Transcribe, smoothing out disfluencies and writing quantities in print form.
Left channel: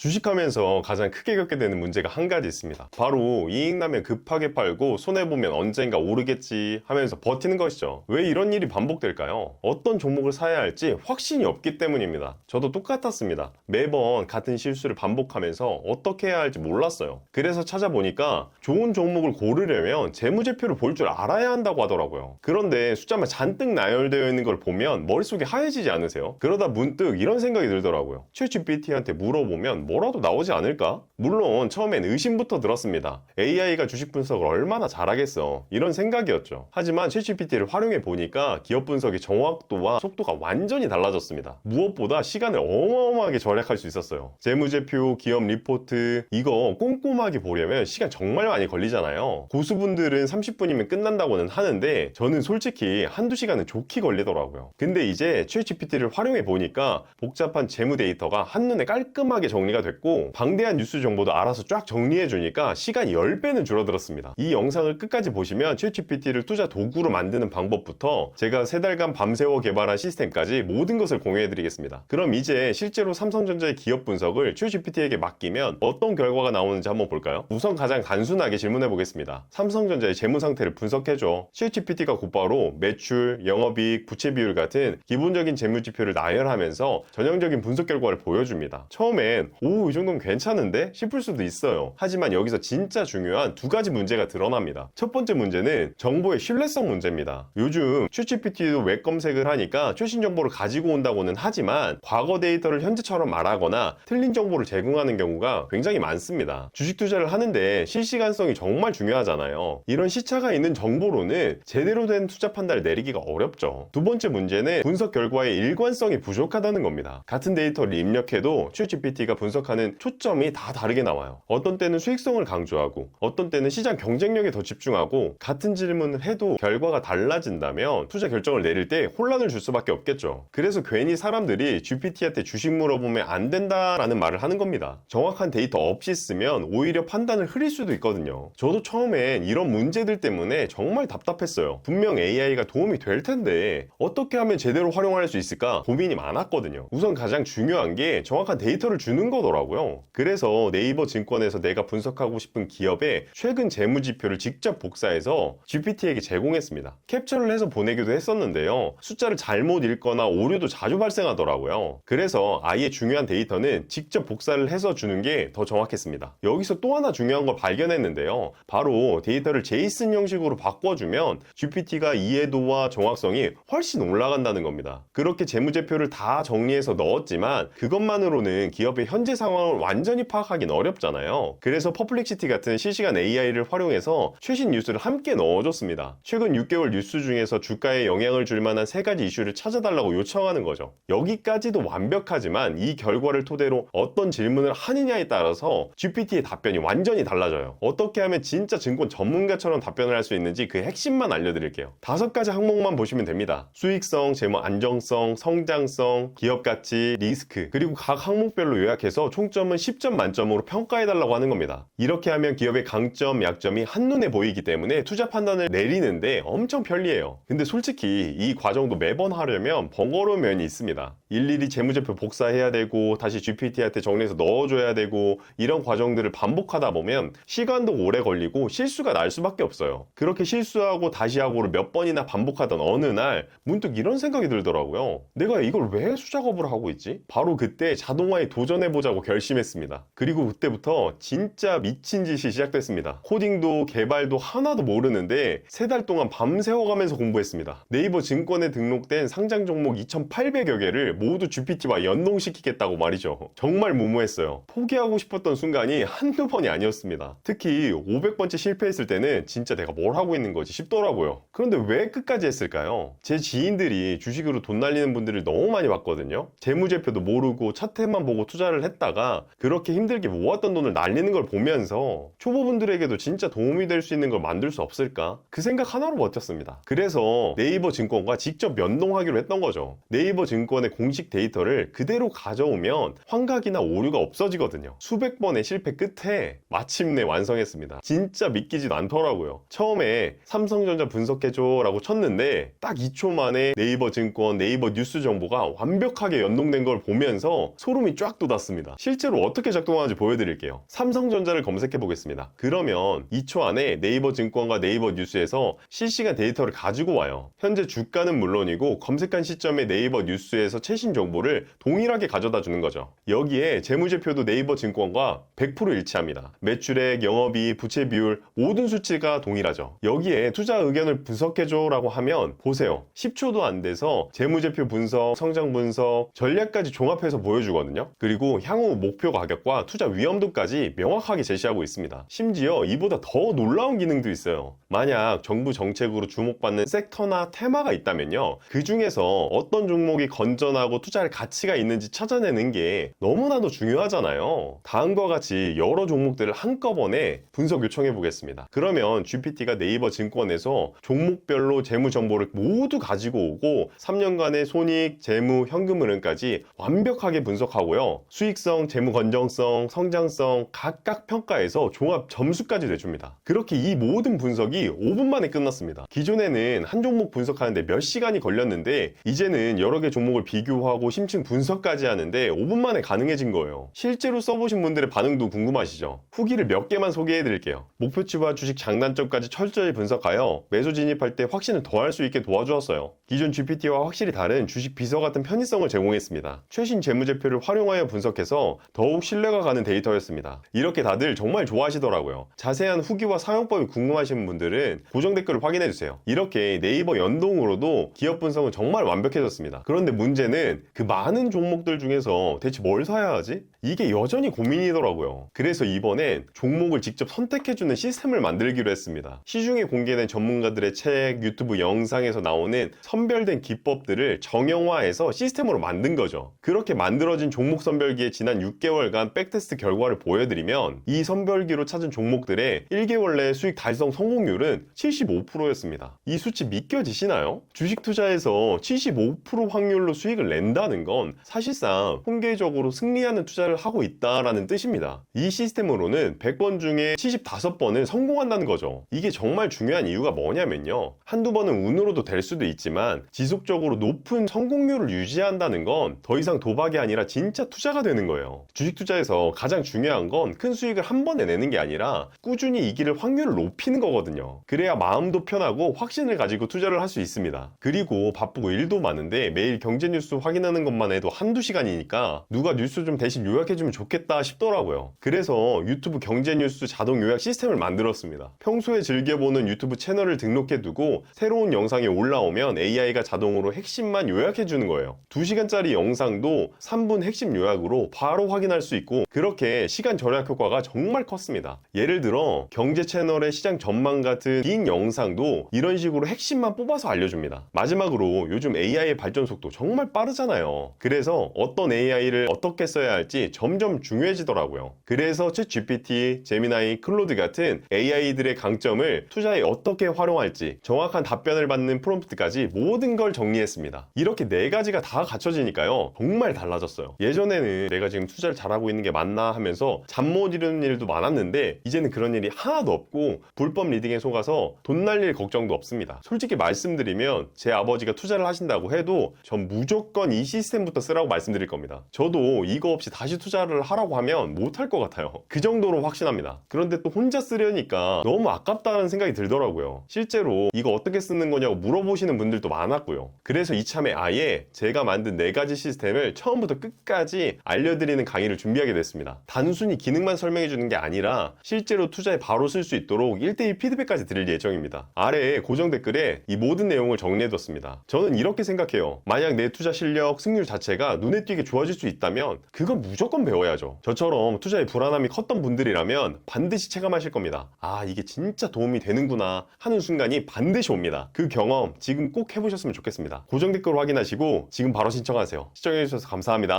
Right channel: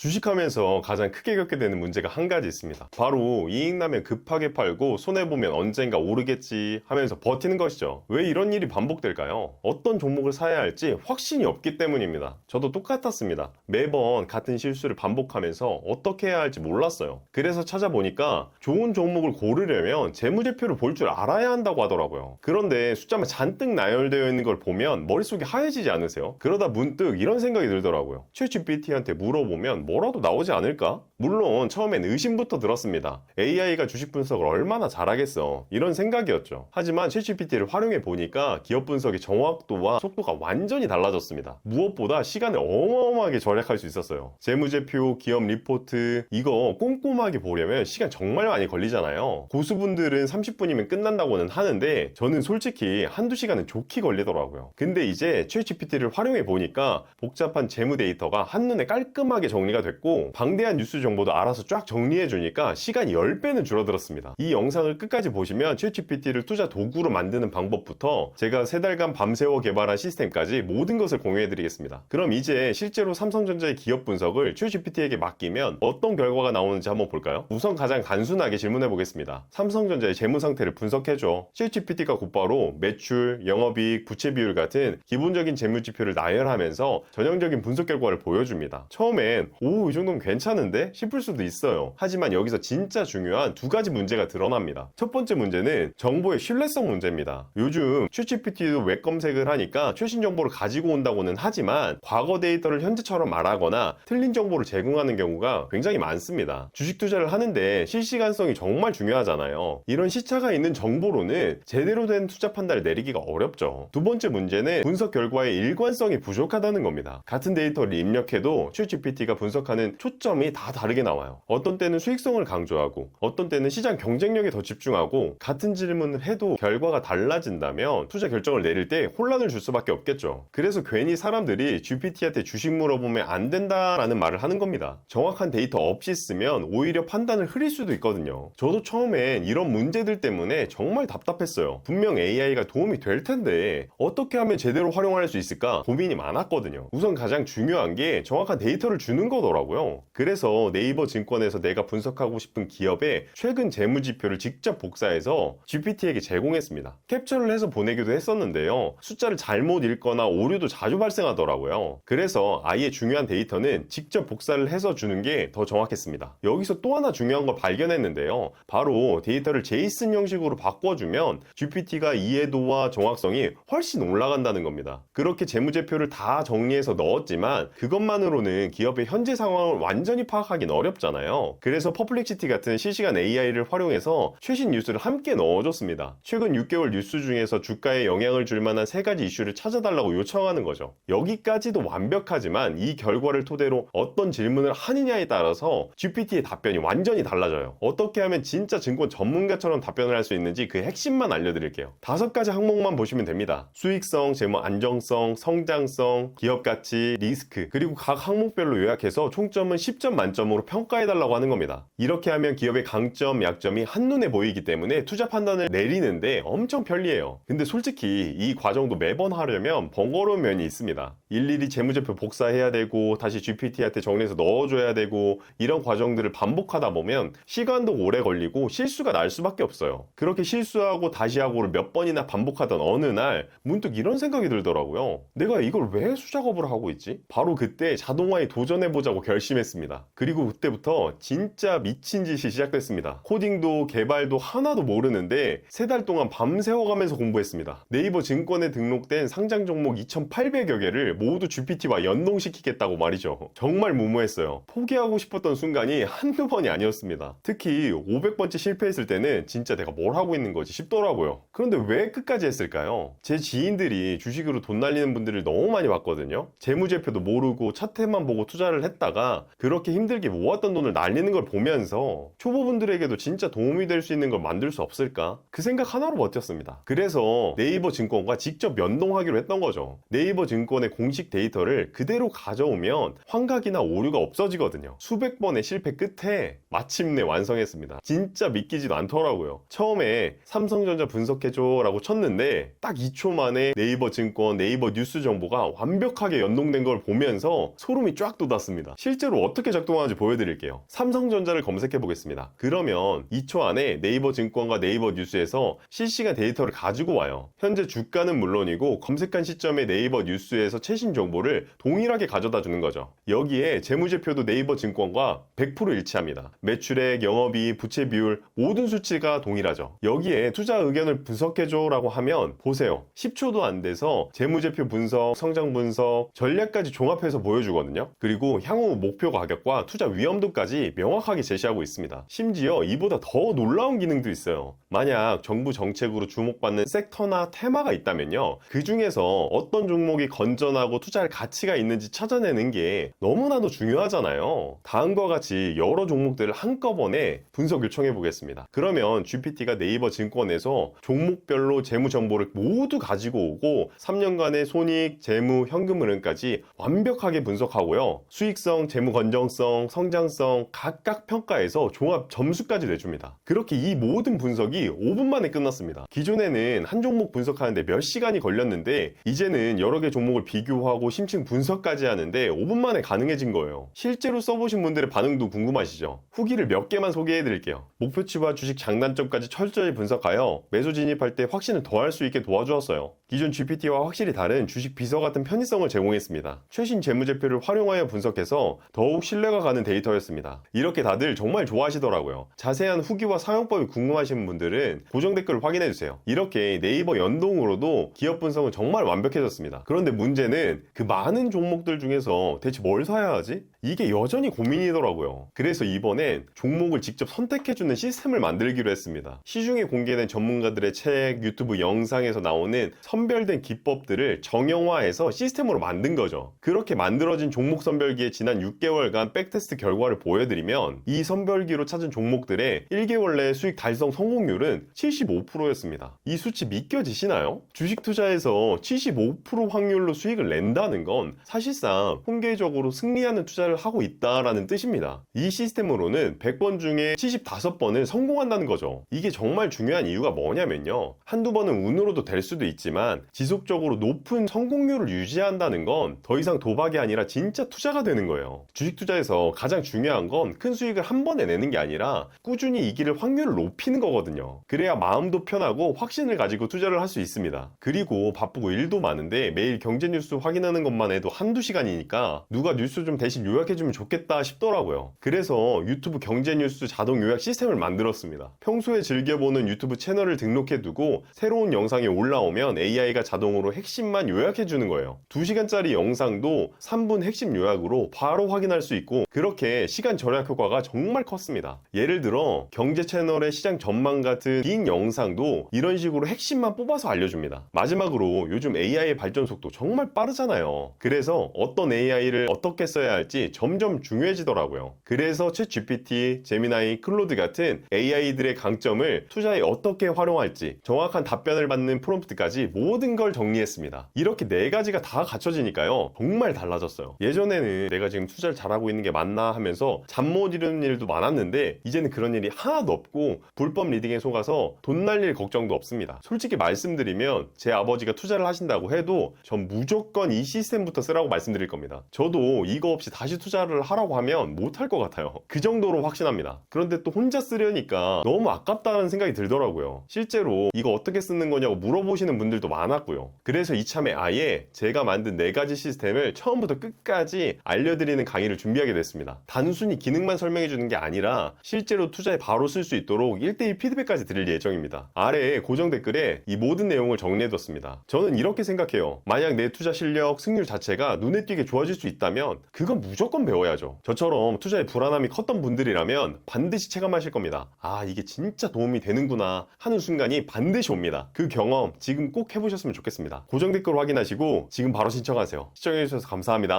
주식하면서 가장 크게 겪게 되는 문제가 한 가지 있습니다. 바로 이익 나면 급하게 팔고 손해보면 언젠가 오르겠지 하면서 버티는 것이죠. 왜 이런 일이 반복될까요? 어떤 종목을 사야 할지 확신이 없기 때문입니다. 저도 똑같았습니다. 매번 같은 실수를 반복하면서 어떻게 해야 할지 몰랐어요. 그래서 찾아보니까 좋은 종목을 고르려면 재무제표를 볼 줄 알아야 한다고 하더라고요. 그런데 숫자만 잔뜩 나열되어 있는 걸 보면 머릿속이 하얘지지 않으세요? 그러다 문득 이런 생각이 들더라고요. 챗GPT한테 물어보면 뭐라도 나오지 않을까? 물론 처음엔 의심부터 들었습니다. AI가 주식 분석을 얼마나 잘하겠어, 이런 생각이었죠. 하지만 챗GPT를 활용해 보니까 기업 분석의 정확도와 속도가 완전히 달라졌습니다. 무엇보다 시간을 어마어마하게 절약할 수 있었어요. 재무제표, 기업 리포트, 이거 꼼꼼하게 보려면 시간 정말 많이 걸리잖아요. 고수분들은 30분이면 끝난다고는 하는데 저는 솔직히 한두 시간은 좋게 걸리더라고요. 근데 이제 챗GPT를 활용해 보니까 복잡한 재무 데이터가 한눈에 깔끔하게 정리가 됐고, 방대한 뉴스 정보도 알아서 쫙 정리해 주니까 시간이 10배는 줄어들었습니다. 이 영상을 끝까지 보시면 챗GPT를 투자 도구로 만드는 방법부터 제가 3달간 밤새워 개발한 시스템까지 모든 것을 공유해 드리겠습니다. 그럼 이제 실제로 삼성전자의 기업 분석을 챗GPT에게 맡기면 어떤 결과가 나오는지 한번 볼까요? 우선 가장 단순하게 질문해 보겠습니다. 삼성전자의 재무 상태를 분석해줘. 챗GPT가 곧바로 매출, 영업이익, 부채 비율 같은 기본적인 재무 지표를 나열하면서 전형적인 분석 결과를 보여줍니다. 처음엔 이 정도면 괜찮은데 싶을 수도 있어요. 하지만 여기서 진짜 중요한 두 가지 문제가 드러납니다. 첫 번째 문제는 정보의 신뢰성 문제입니다. 요즘 챗GPT도 웹 검색을 하니까 최신 정보를 가지고 온다고는 하지만 과거 데이터를 현재처럼 말하거나 틀린 정보를 제공하는 경우가 굉장히 많습니다. 주식 투자를 하는데 실시간성이 정말 중요하잖아요. 이런 시차가 있는 정보로는 제대로 된 투자 판단을 내리기가 어렵죠. 두 번째 문제는 분석 결과의 일관성이 부족하다는 겁니다. 같은 데이터를 입력해도 챗GPT가 분석하는 초점이 다 다르게 나와요. 어떤 때는 수익성을 강조하고 어떤 때는 시장 경쟁력에 더 집중하고, 같은 질문을 해도 결과가 달라진다면 투자 결정을 내릴 때 혼란을 줄 수밖에 없겠죠. 그래서 괜히 사람들이 GPT한테 주식 물어보면 안 된다라는 말을 하는 겁니다. 정확한 데이터 없이 쓰면 오히려 판단을 흐릴 수도 있거든요. 저도 처음엔 이런 문제들 때문에 정말 답답했어요. 분명 AI가 도움이 될 텐데 어떻게 하면 제대로 활용할 수 있을까 고민이 많았거든요. 우선 가장 중요한 게 정확한 데이터를 주는 거더라고요. 그래서 네이버 증권에서 내가 분석하고 싶은 기업의 최근 재무지표를 직접 복사해서 GPT에게 제공했습니다. 캡처를 해서 보내기도 했었는데요. 숫자를 잘못 읽거나 오류도 자주 발생하더라고요. 그래서 아예 중요한 데이터는 직접 복사를 해서 주는 게 더 정확했습니다. 여기서 또 하나 중요한 걸 발견했는데요. 바로 데이터를 제이슨 형식으로 바꿔주면 GPT가 이해도와 정확성이 훨씬 올라간다는 겁니다. 그렇게 재무제표를 다 정리해서 넣었지만 그것만으로는 기업의 현재 상황을 완전히 파악하기는 어렵잖아요. 그래서 퍼플렉시티 같은 실시간 AI를 활용해서 최신 뉴스를 함께 넣어줬습니다. 최근 6개월 뉴스 중에서 주가에 영향을 줄 만한 3가지 이슈를 찾아달라고 요청하는 거죠. 여기까지도 완벽하지만 이 결과를 토대로 어떤 질문을 하느냐에 따라서 GPT의 답변이 완전히 달라져요. 어떻게 하면 진짜 증권 전문가처럼 답변을 할 수 있는지 그 핵심만 알려드릴게요. 5가지 항목만 보시면 됩니다. 수익성, 재무 안정성, 성장성, 기업 가치, 리스크, 그리고 각 항목별로 요약해서 총점은 10점 만점으로 평가해달라고 하는 겁니다. 이렇게 하면 기업의 강점, 약점이 한눈에 보이기 때문에 투자 판단을 내리는데 엄청 편리해요. 근데 솔직히 이 과정도 매번 하려면 번거로운 면이 있습니다. 일일이 재무제표 복사해야 되고 다시 GPT한테 정리해서 넣어줘야 되고, 이런 과정들을 반복하다 보면 시간도 오래 걸리고 실수가 날 수밖에 없어요. 그렇게 실수하고 다시 하고를 몇 번이나 반복하던 어느 날 문득 이런 생각이 들더라고요. 내가 이걸 왜 수작업을 하고 있지? 바로 그때 자동화에 도전해보자고 결심했습니다. 그리고 그때부터 진짜 미친 짓이 시작됐습니다. 코딩도 개발도 하나도 모르는데 3달 동안 밤새워가면서 공부했습니다. 네이버 증권에 등록된 상장 종목 2,800여 개를 모두 GPT와 연동시키겠다고 말이죠. 정말 무모했어요. 포기하고 싶었던 순간이 한두 번이 아니었습니다. 특히 500번째 실패했을 때는 진짜 내가 뭘 하고 있는 거지 싶더라고요. 그런데 왜 끝까지 했을까요? 제 지인들이 주식으로 돈 날리는 분들을 너무 많이 봤거든요. 재무제표도 모르고 차트만 보고 투자를 했다가 그렇게 힘들게 모았던 돈을 날리는 걸 보면서 초보분들에게도 진짜 도움이 될 수 있는 걸 만들 수 없을까? 그 생각 하나로 버텼습니다. 그래서 네이버 증권과 직접 연동하기로 했던 거죠. 네이버 증권의 공식 데이터를 그대로 가져오면 환각이나 오류가 없어지거든요. 수백 번의 실패 끝에 마침내 완성했습니다. 진짜 믿기지도 않더라고요. 처음에 삼성전자 분석해줘 라고 쳤는데 딱 2초 만에 네이버 증권, 네이버 뉴스 정보가 완벽하게 연동된 걸 보면서 소름이 쫙 돋았습니다. 있습니다. 실제로 어떻게 작동하는지 보여드릴게요. 삼성전자를 검색해 보겠습니다. 그러면 2초 안에 네이버 증권과 네이버 뉴스에서 실시간 데이터를 가지고 와요. 현재 주가는 물론이고 검색한 시점에 네이버 뉴스에서 최신 정보를 동일하게 가져다 주는 거죠. 여기에 재무제표도 네이버 증권과 100% 일치합니다. 매출액, 영업이익, 부채 비율 모든 수치가 동일하죠. 여기에 투자 의견을 분석해줘 라고 하면 보세요. 10초도 안 돼서 재무제표 분석, 성장 분석, 전략까지 종합해서 보여주거든요. 그리고 향후 목표 가격과 투자 위험도까지 명확하게 제시하고 있습니다. 심지어 이보다 더 놀라운 기능도 있어요. 만약 정부 정책으로 주목받는 섹터나 테마가 있다면요. 그 중에서 어떤 종목이 건전하고 투자할 가치가 있는지 찾아내는 게 너무나도 중요하잖아요. 다음과 같이 여러 종목들을 한꺼번에 분석 요청해 보겠습니다. 그러면 GPT가 네이버 증권에서 종목별로 재무 정보를 모두 가지고 오고 3년간의 손익, 재무, 현금 흐름까지 완벽하게 분석하고요. 수익성, 재무 건전성, 성장성 각각 평가해서 종합 점수까지 내줍니다. 그렇게 이 모든 분석이 5분 만에 끝났습니다. 기존에는 한 종목 분석하는데 몇 시간이 걸렸는데 이제는 여러 개 종목을 비교하고 심층 분석까지 하는데 5분 만에 가능해진 거예요. 실제로 써보신 분들의 반응도 궁금하시죠? 후기를 몇 개만 소개해 드릴게요. 목표치와 주식 장단점까지 철저히 분석하여 매수 진입할 때 확신을 더할 수 있게 도와주었어요. 기존 GPT와 확실히 다른 주식 비서 같은 편의성을 제공했습니다. 최신 재무제표를 활용하여 분석해서 더욱 신뢰가 가는 데이터였습니다. 이렇게 다들 정말 좋아하시더라고요. 자세한 후기와 사용법이 궁금하신 분들은 고정 댓글을 확인해주세요. 이렇게 네이버 연동으로도 기업 분석은 정말 완벽해졌습니다. 그런데 문제는 그 많은 종목들 중에서 대체 뭘 사야 하지? 이게 여전히 고민이더라고요. 그래서 이번엔 종목을 직접 선택해주는 시스템을 만들기로 했습니다. 시중에 공개된 전문가들의 책, 유튜브 영상에서 나오는 선별된 기법들을 정형화해서 시스템으로 만든 거죠. 그렇게 만들어진 종목 선별기에 지난 6개월간 백테스트 결과를 보여드리면 이 선별기로 찾은 종목들의 1개월 내 수익 달성 성공률은 75%였습니다. 이 수치 믿겨지시나요? 주식 투자에서 75% 확률로 수익을 낸다는 건 사실상 통계적으로 승리하는 투자를 하고 있다라는 뜻입니다. 이 시스템으로는 100번 중에 75번은 성공한다는 거죠. 이게 정말 중요한 이유가 뭐냐면요. 한두 번은 운으로도 될 수도 있지만 지속적으로 높은 성공률을 유지한다는 건 더 이상 도박이 아니라 진짜 투자가 되는 거예요. 주식 투자에서 가장 중요한 건 큰 수익을 한 번에 내는 게 아니라 꾸준히 이길 확률을 높이는 거거든요. 그래야 마음도 편하고 확신을 가지고 투자를 할 수 있습니다. 그리고 바쁘고 일도 많은데 매일 경제 뉴스 확인하는 것만 해도 한두 시간이니까 누가 뉴스 좀 대신 요약해주면 좋겠다 싶더라고요. 그래서 유튜브 경제 뉴스 자동 요약 시스템을 만들었습니다. 평소에 즐겨보는 유튜브 채널을 등록해두고 새로운 영상이 올라오면 AI가 자동으로 핵심만 요약해주는 거예요. 2시간짜리 영상도 3분 핵심 요약으로 바로 확인할 수 있고 그렇게 시간 절약 효과가 정말 컸습니다. 예를 들어 경제 채널의 시장 전망 같은 긴 영상도 이런 식으로 핵심만 뽑아서 알려줍니다. 마지막으로 요즘 AI의 발전 속도 정말 빠르잖아요. 그래서 어떤 AI를 어떻게 써야 할지 점점 중요해지더라고요. 그래서 챗GPT, 제미나이, 클로드 같은 AI들의 강점을 투자에 어떻게 활용할지 정확한 답변을 받는 프롬프트까지 모든 걸 정리했습니다. 이렇게 4가지가 다 갖춰지니까요. 정말 달라졌어요. 예전에는 내가 지금 투자를 잘하고 있는 게 맞나 하면서 잠 못 이루는 일도 많았는데 이제는 그런 일이 하나도 없고 불법 리딩에 속아서 돈 날릴 걱정도 없습니다. 솔직히 말씀드리면 제 아버지가 투자를 하신다고 해도 전 무조건 이 시스템부터 쓰라고 말씀드릴 겁니다. 저도 이거 없이 다시 투자를 하라고 하면 못할 것 같아요. 그 정도로 확신합니다. 그런데 또 혼자 쓰려니까 너무 아깝다는 생각이 들더라고요. 실제로 이거 어떻게 쓰는 거냐고 물어보시는 분들도 많았고요. 그래서 이참에 아예 제가 만든 4가지 시스템을 처음부터 끝까지 알려드리는 강의를 준비하게 됐습니다. 단순히 기능만 설명해주는 게 아니라 실제로 투자에 바로 쓸 수 있도록 1:1 피드백까지 드릴 예정입니다. 아래에 고정 댓글에 이 모든 내용을 정리해뒀습니다. 저는 이렇게 생각해요. 만약 내 투자 실력, 승률 자체가 눈에 띄게 좋아질 수 있다면 그건 무조건 배워야죠. 저처럼 투자에 불안함이 컸던 분들이라면 반드시 체감하실 겁니다. 아, 이게 진짜 도움이 되는구나 하는 순간이 반드시 옵니다. 그 경험 지금 꼭 해보셨으면 좋겠습니다. 고정 댓글 확인하시고 지금 바로 신청하세요. 시청해주셔서 감사합니다.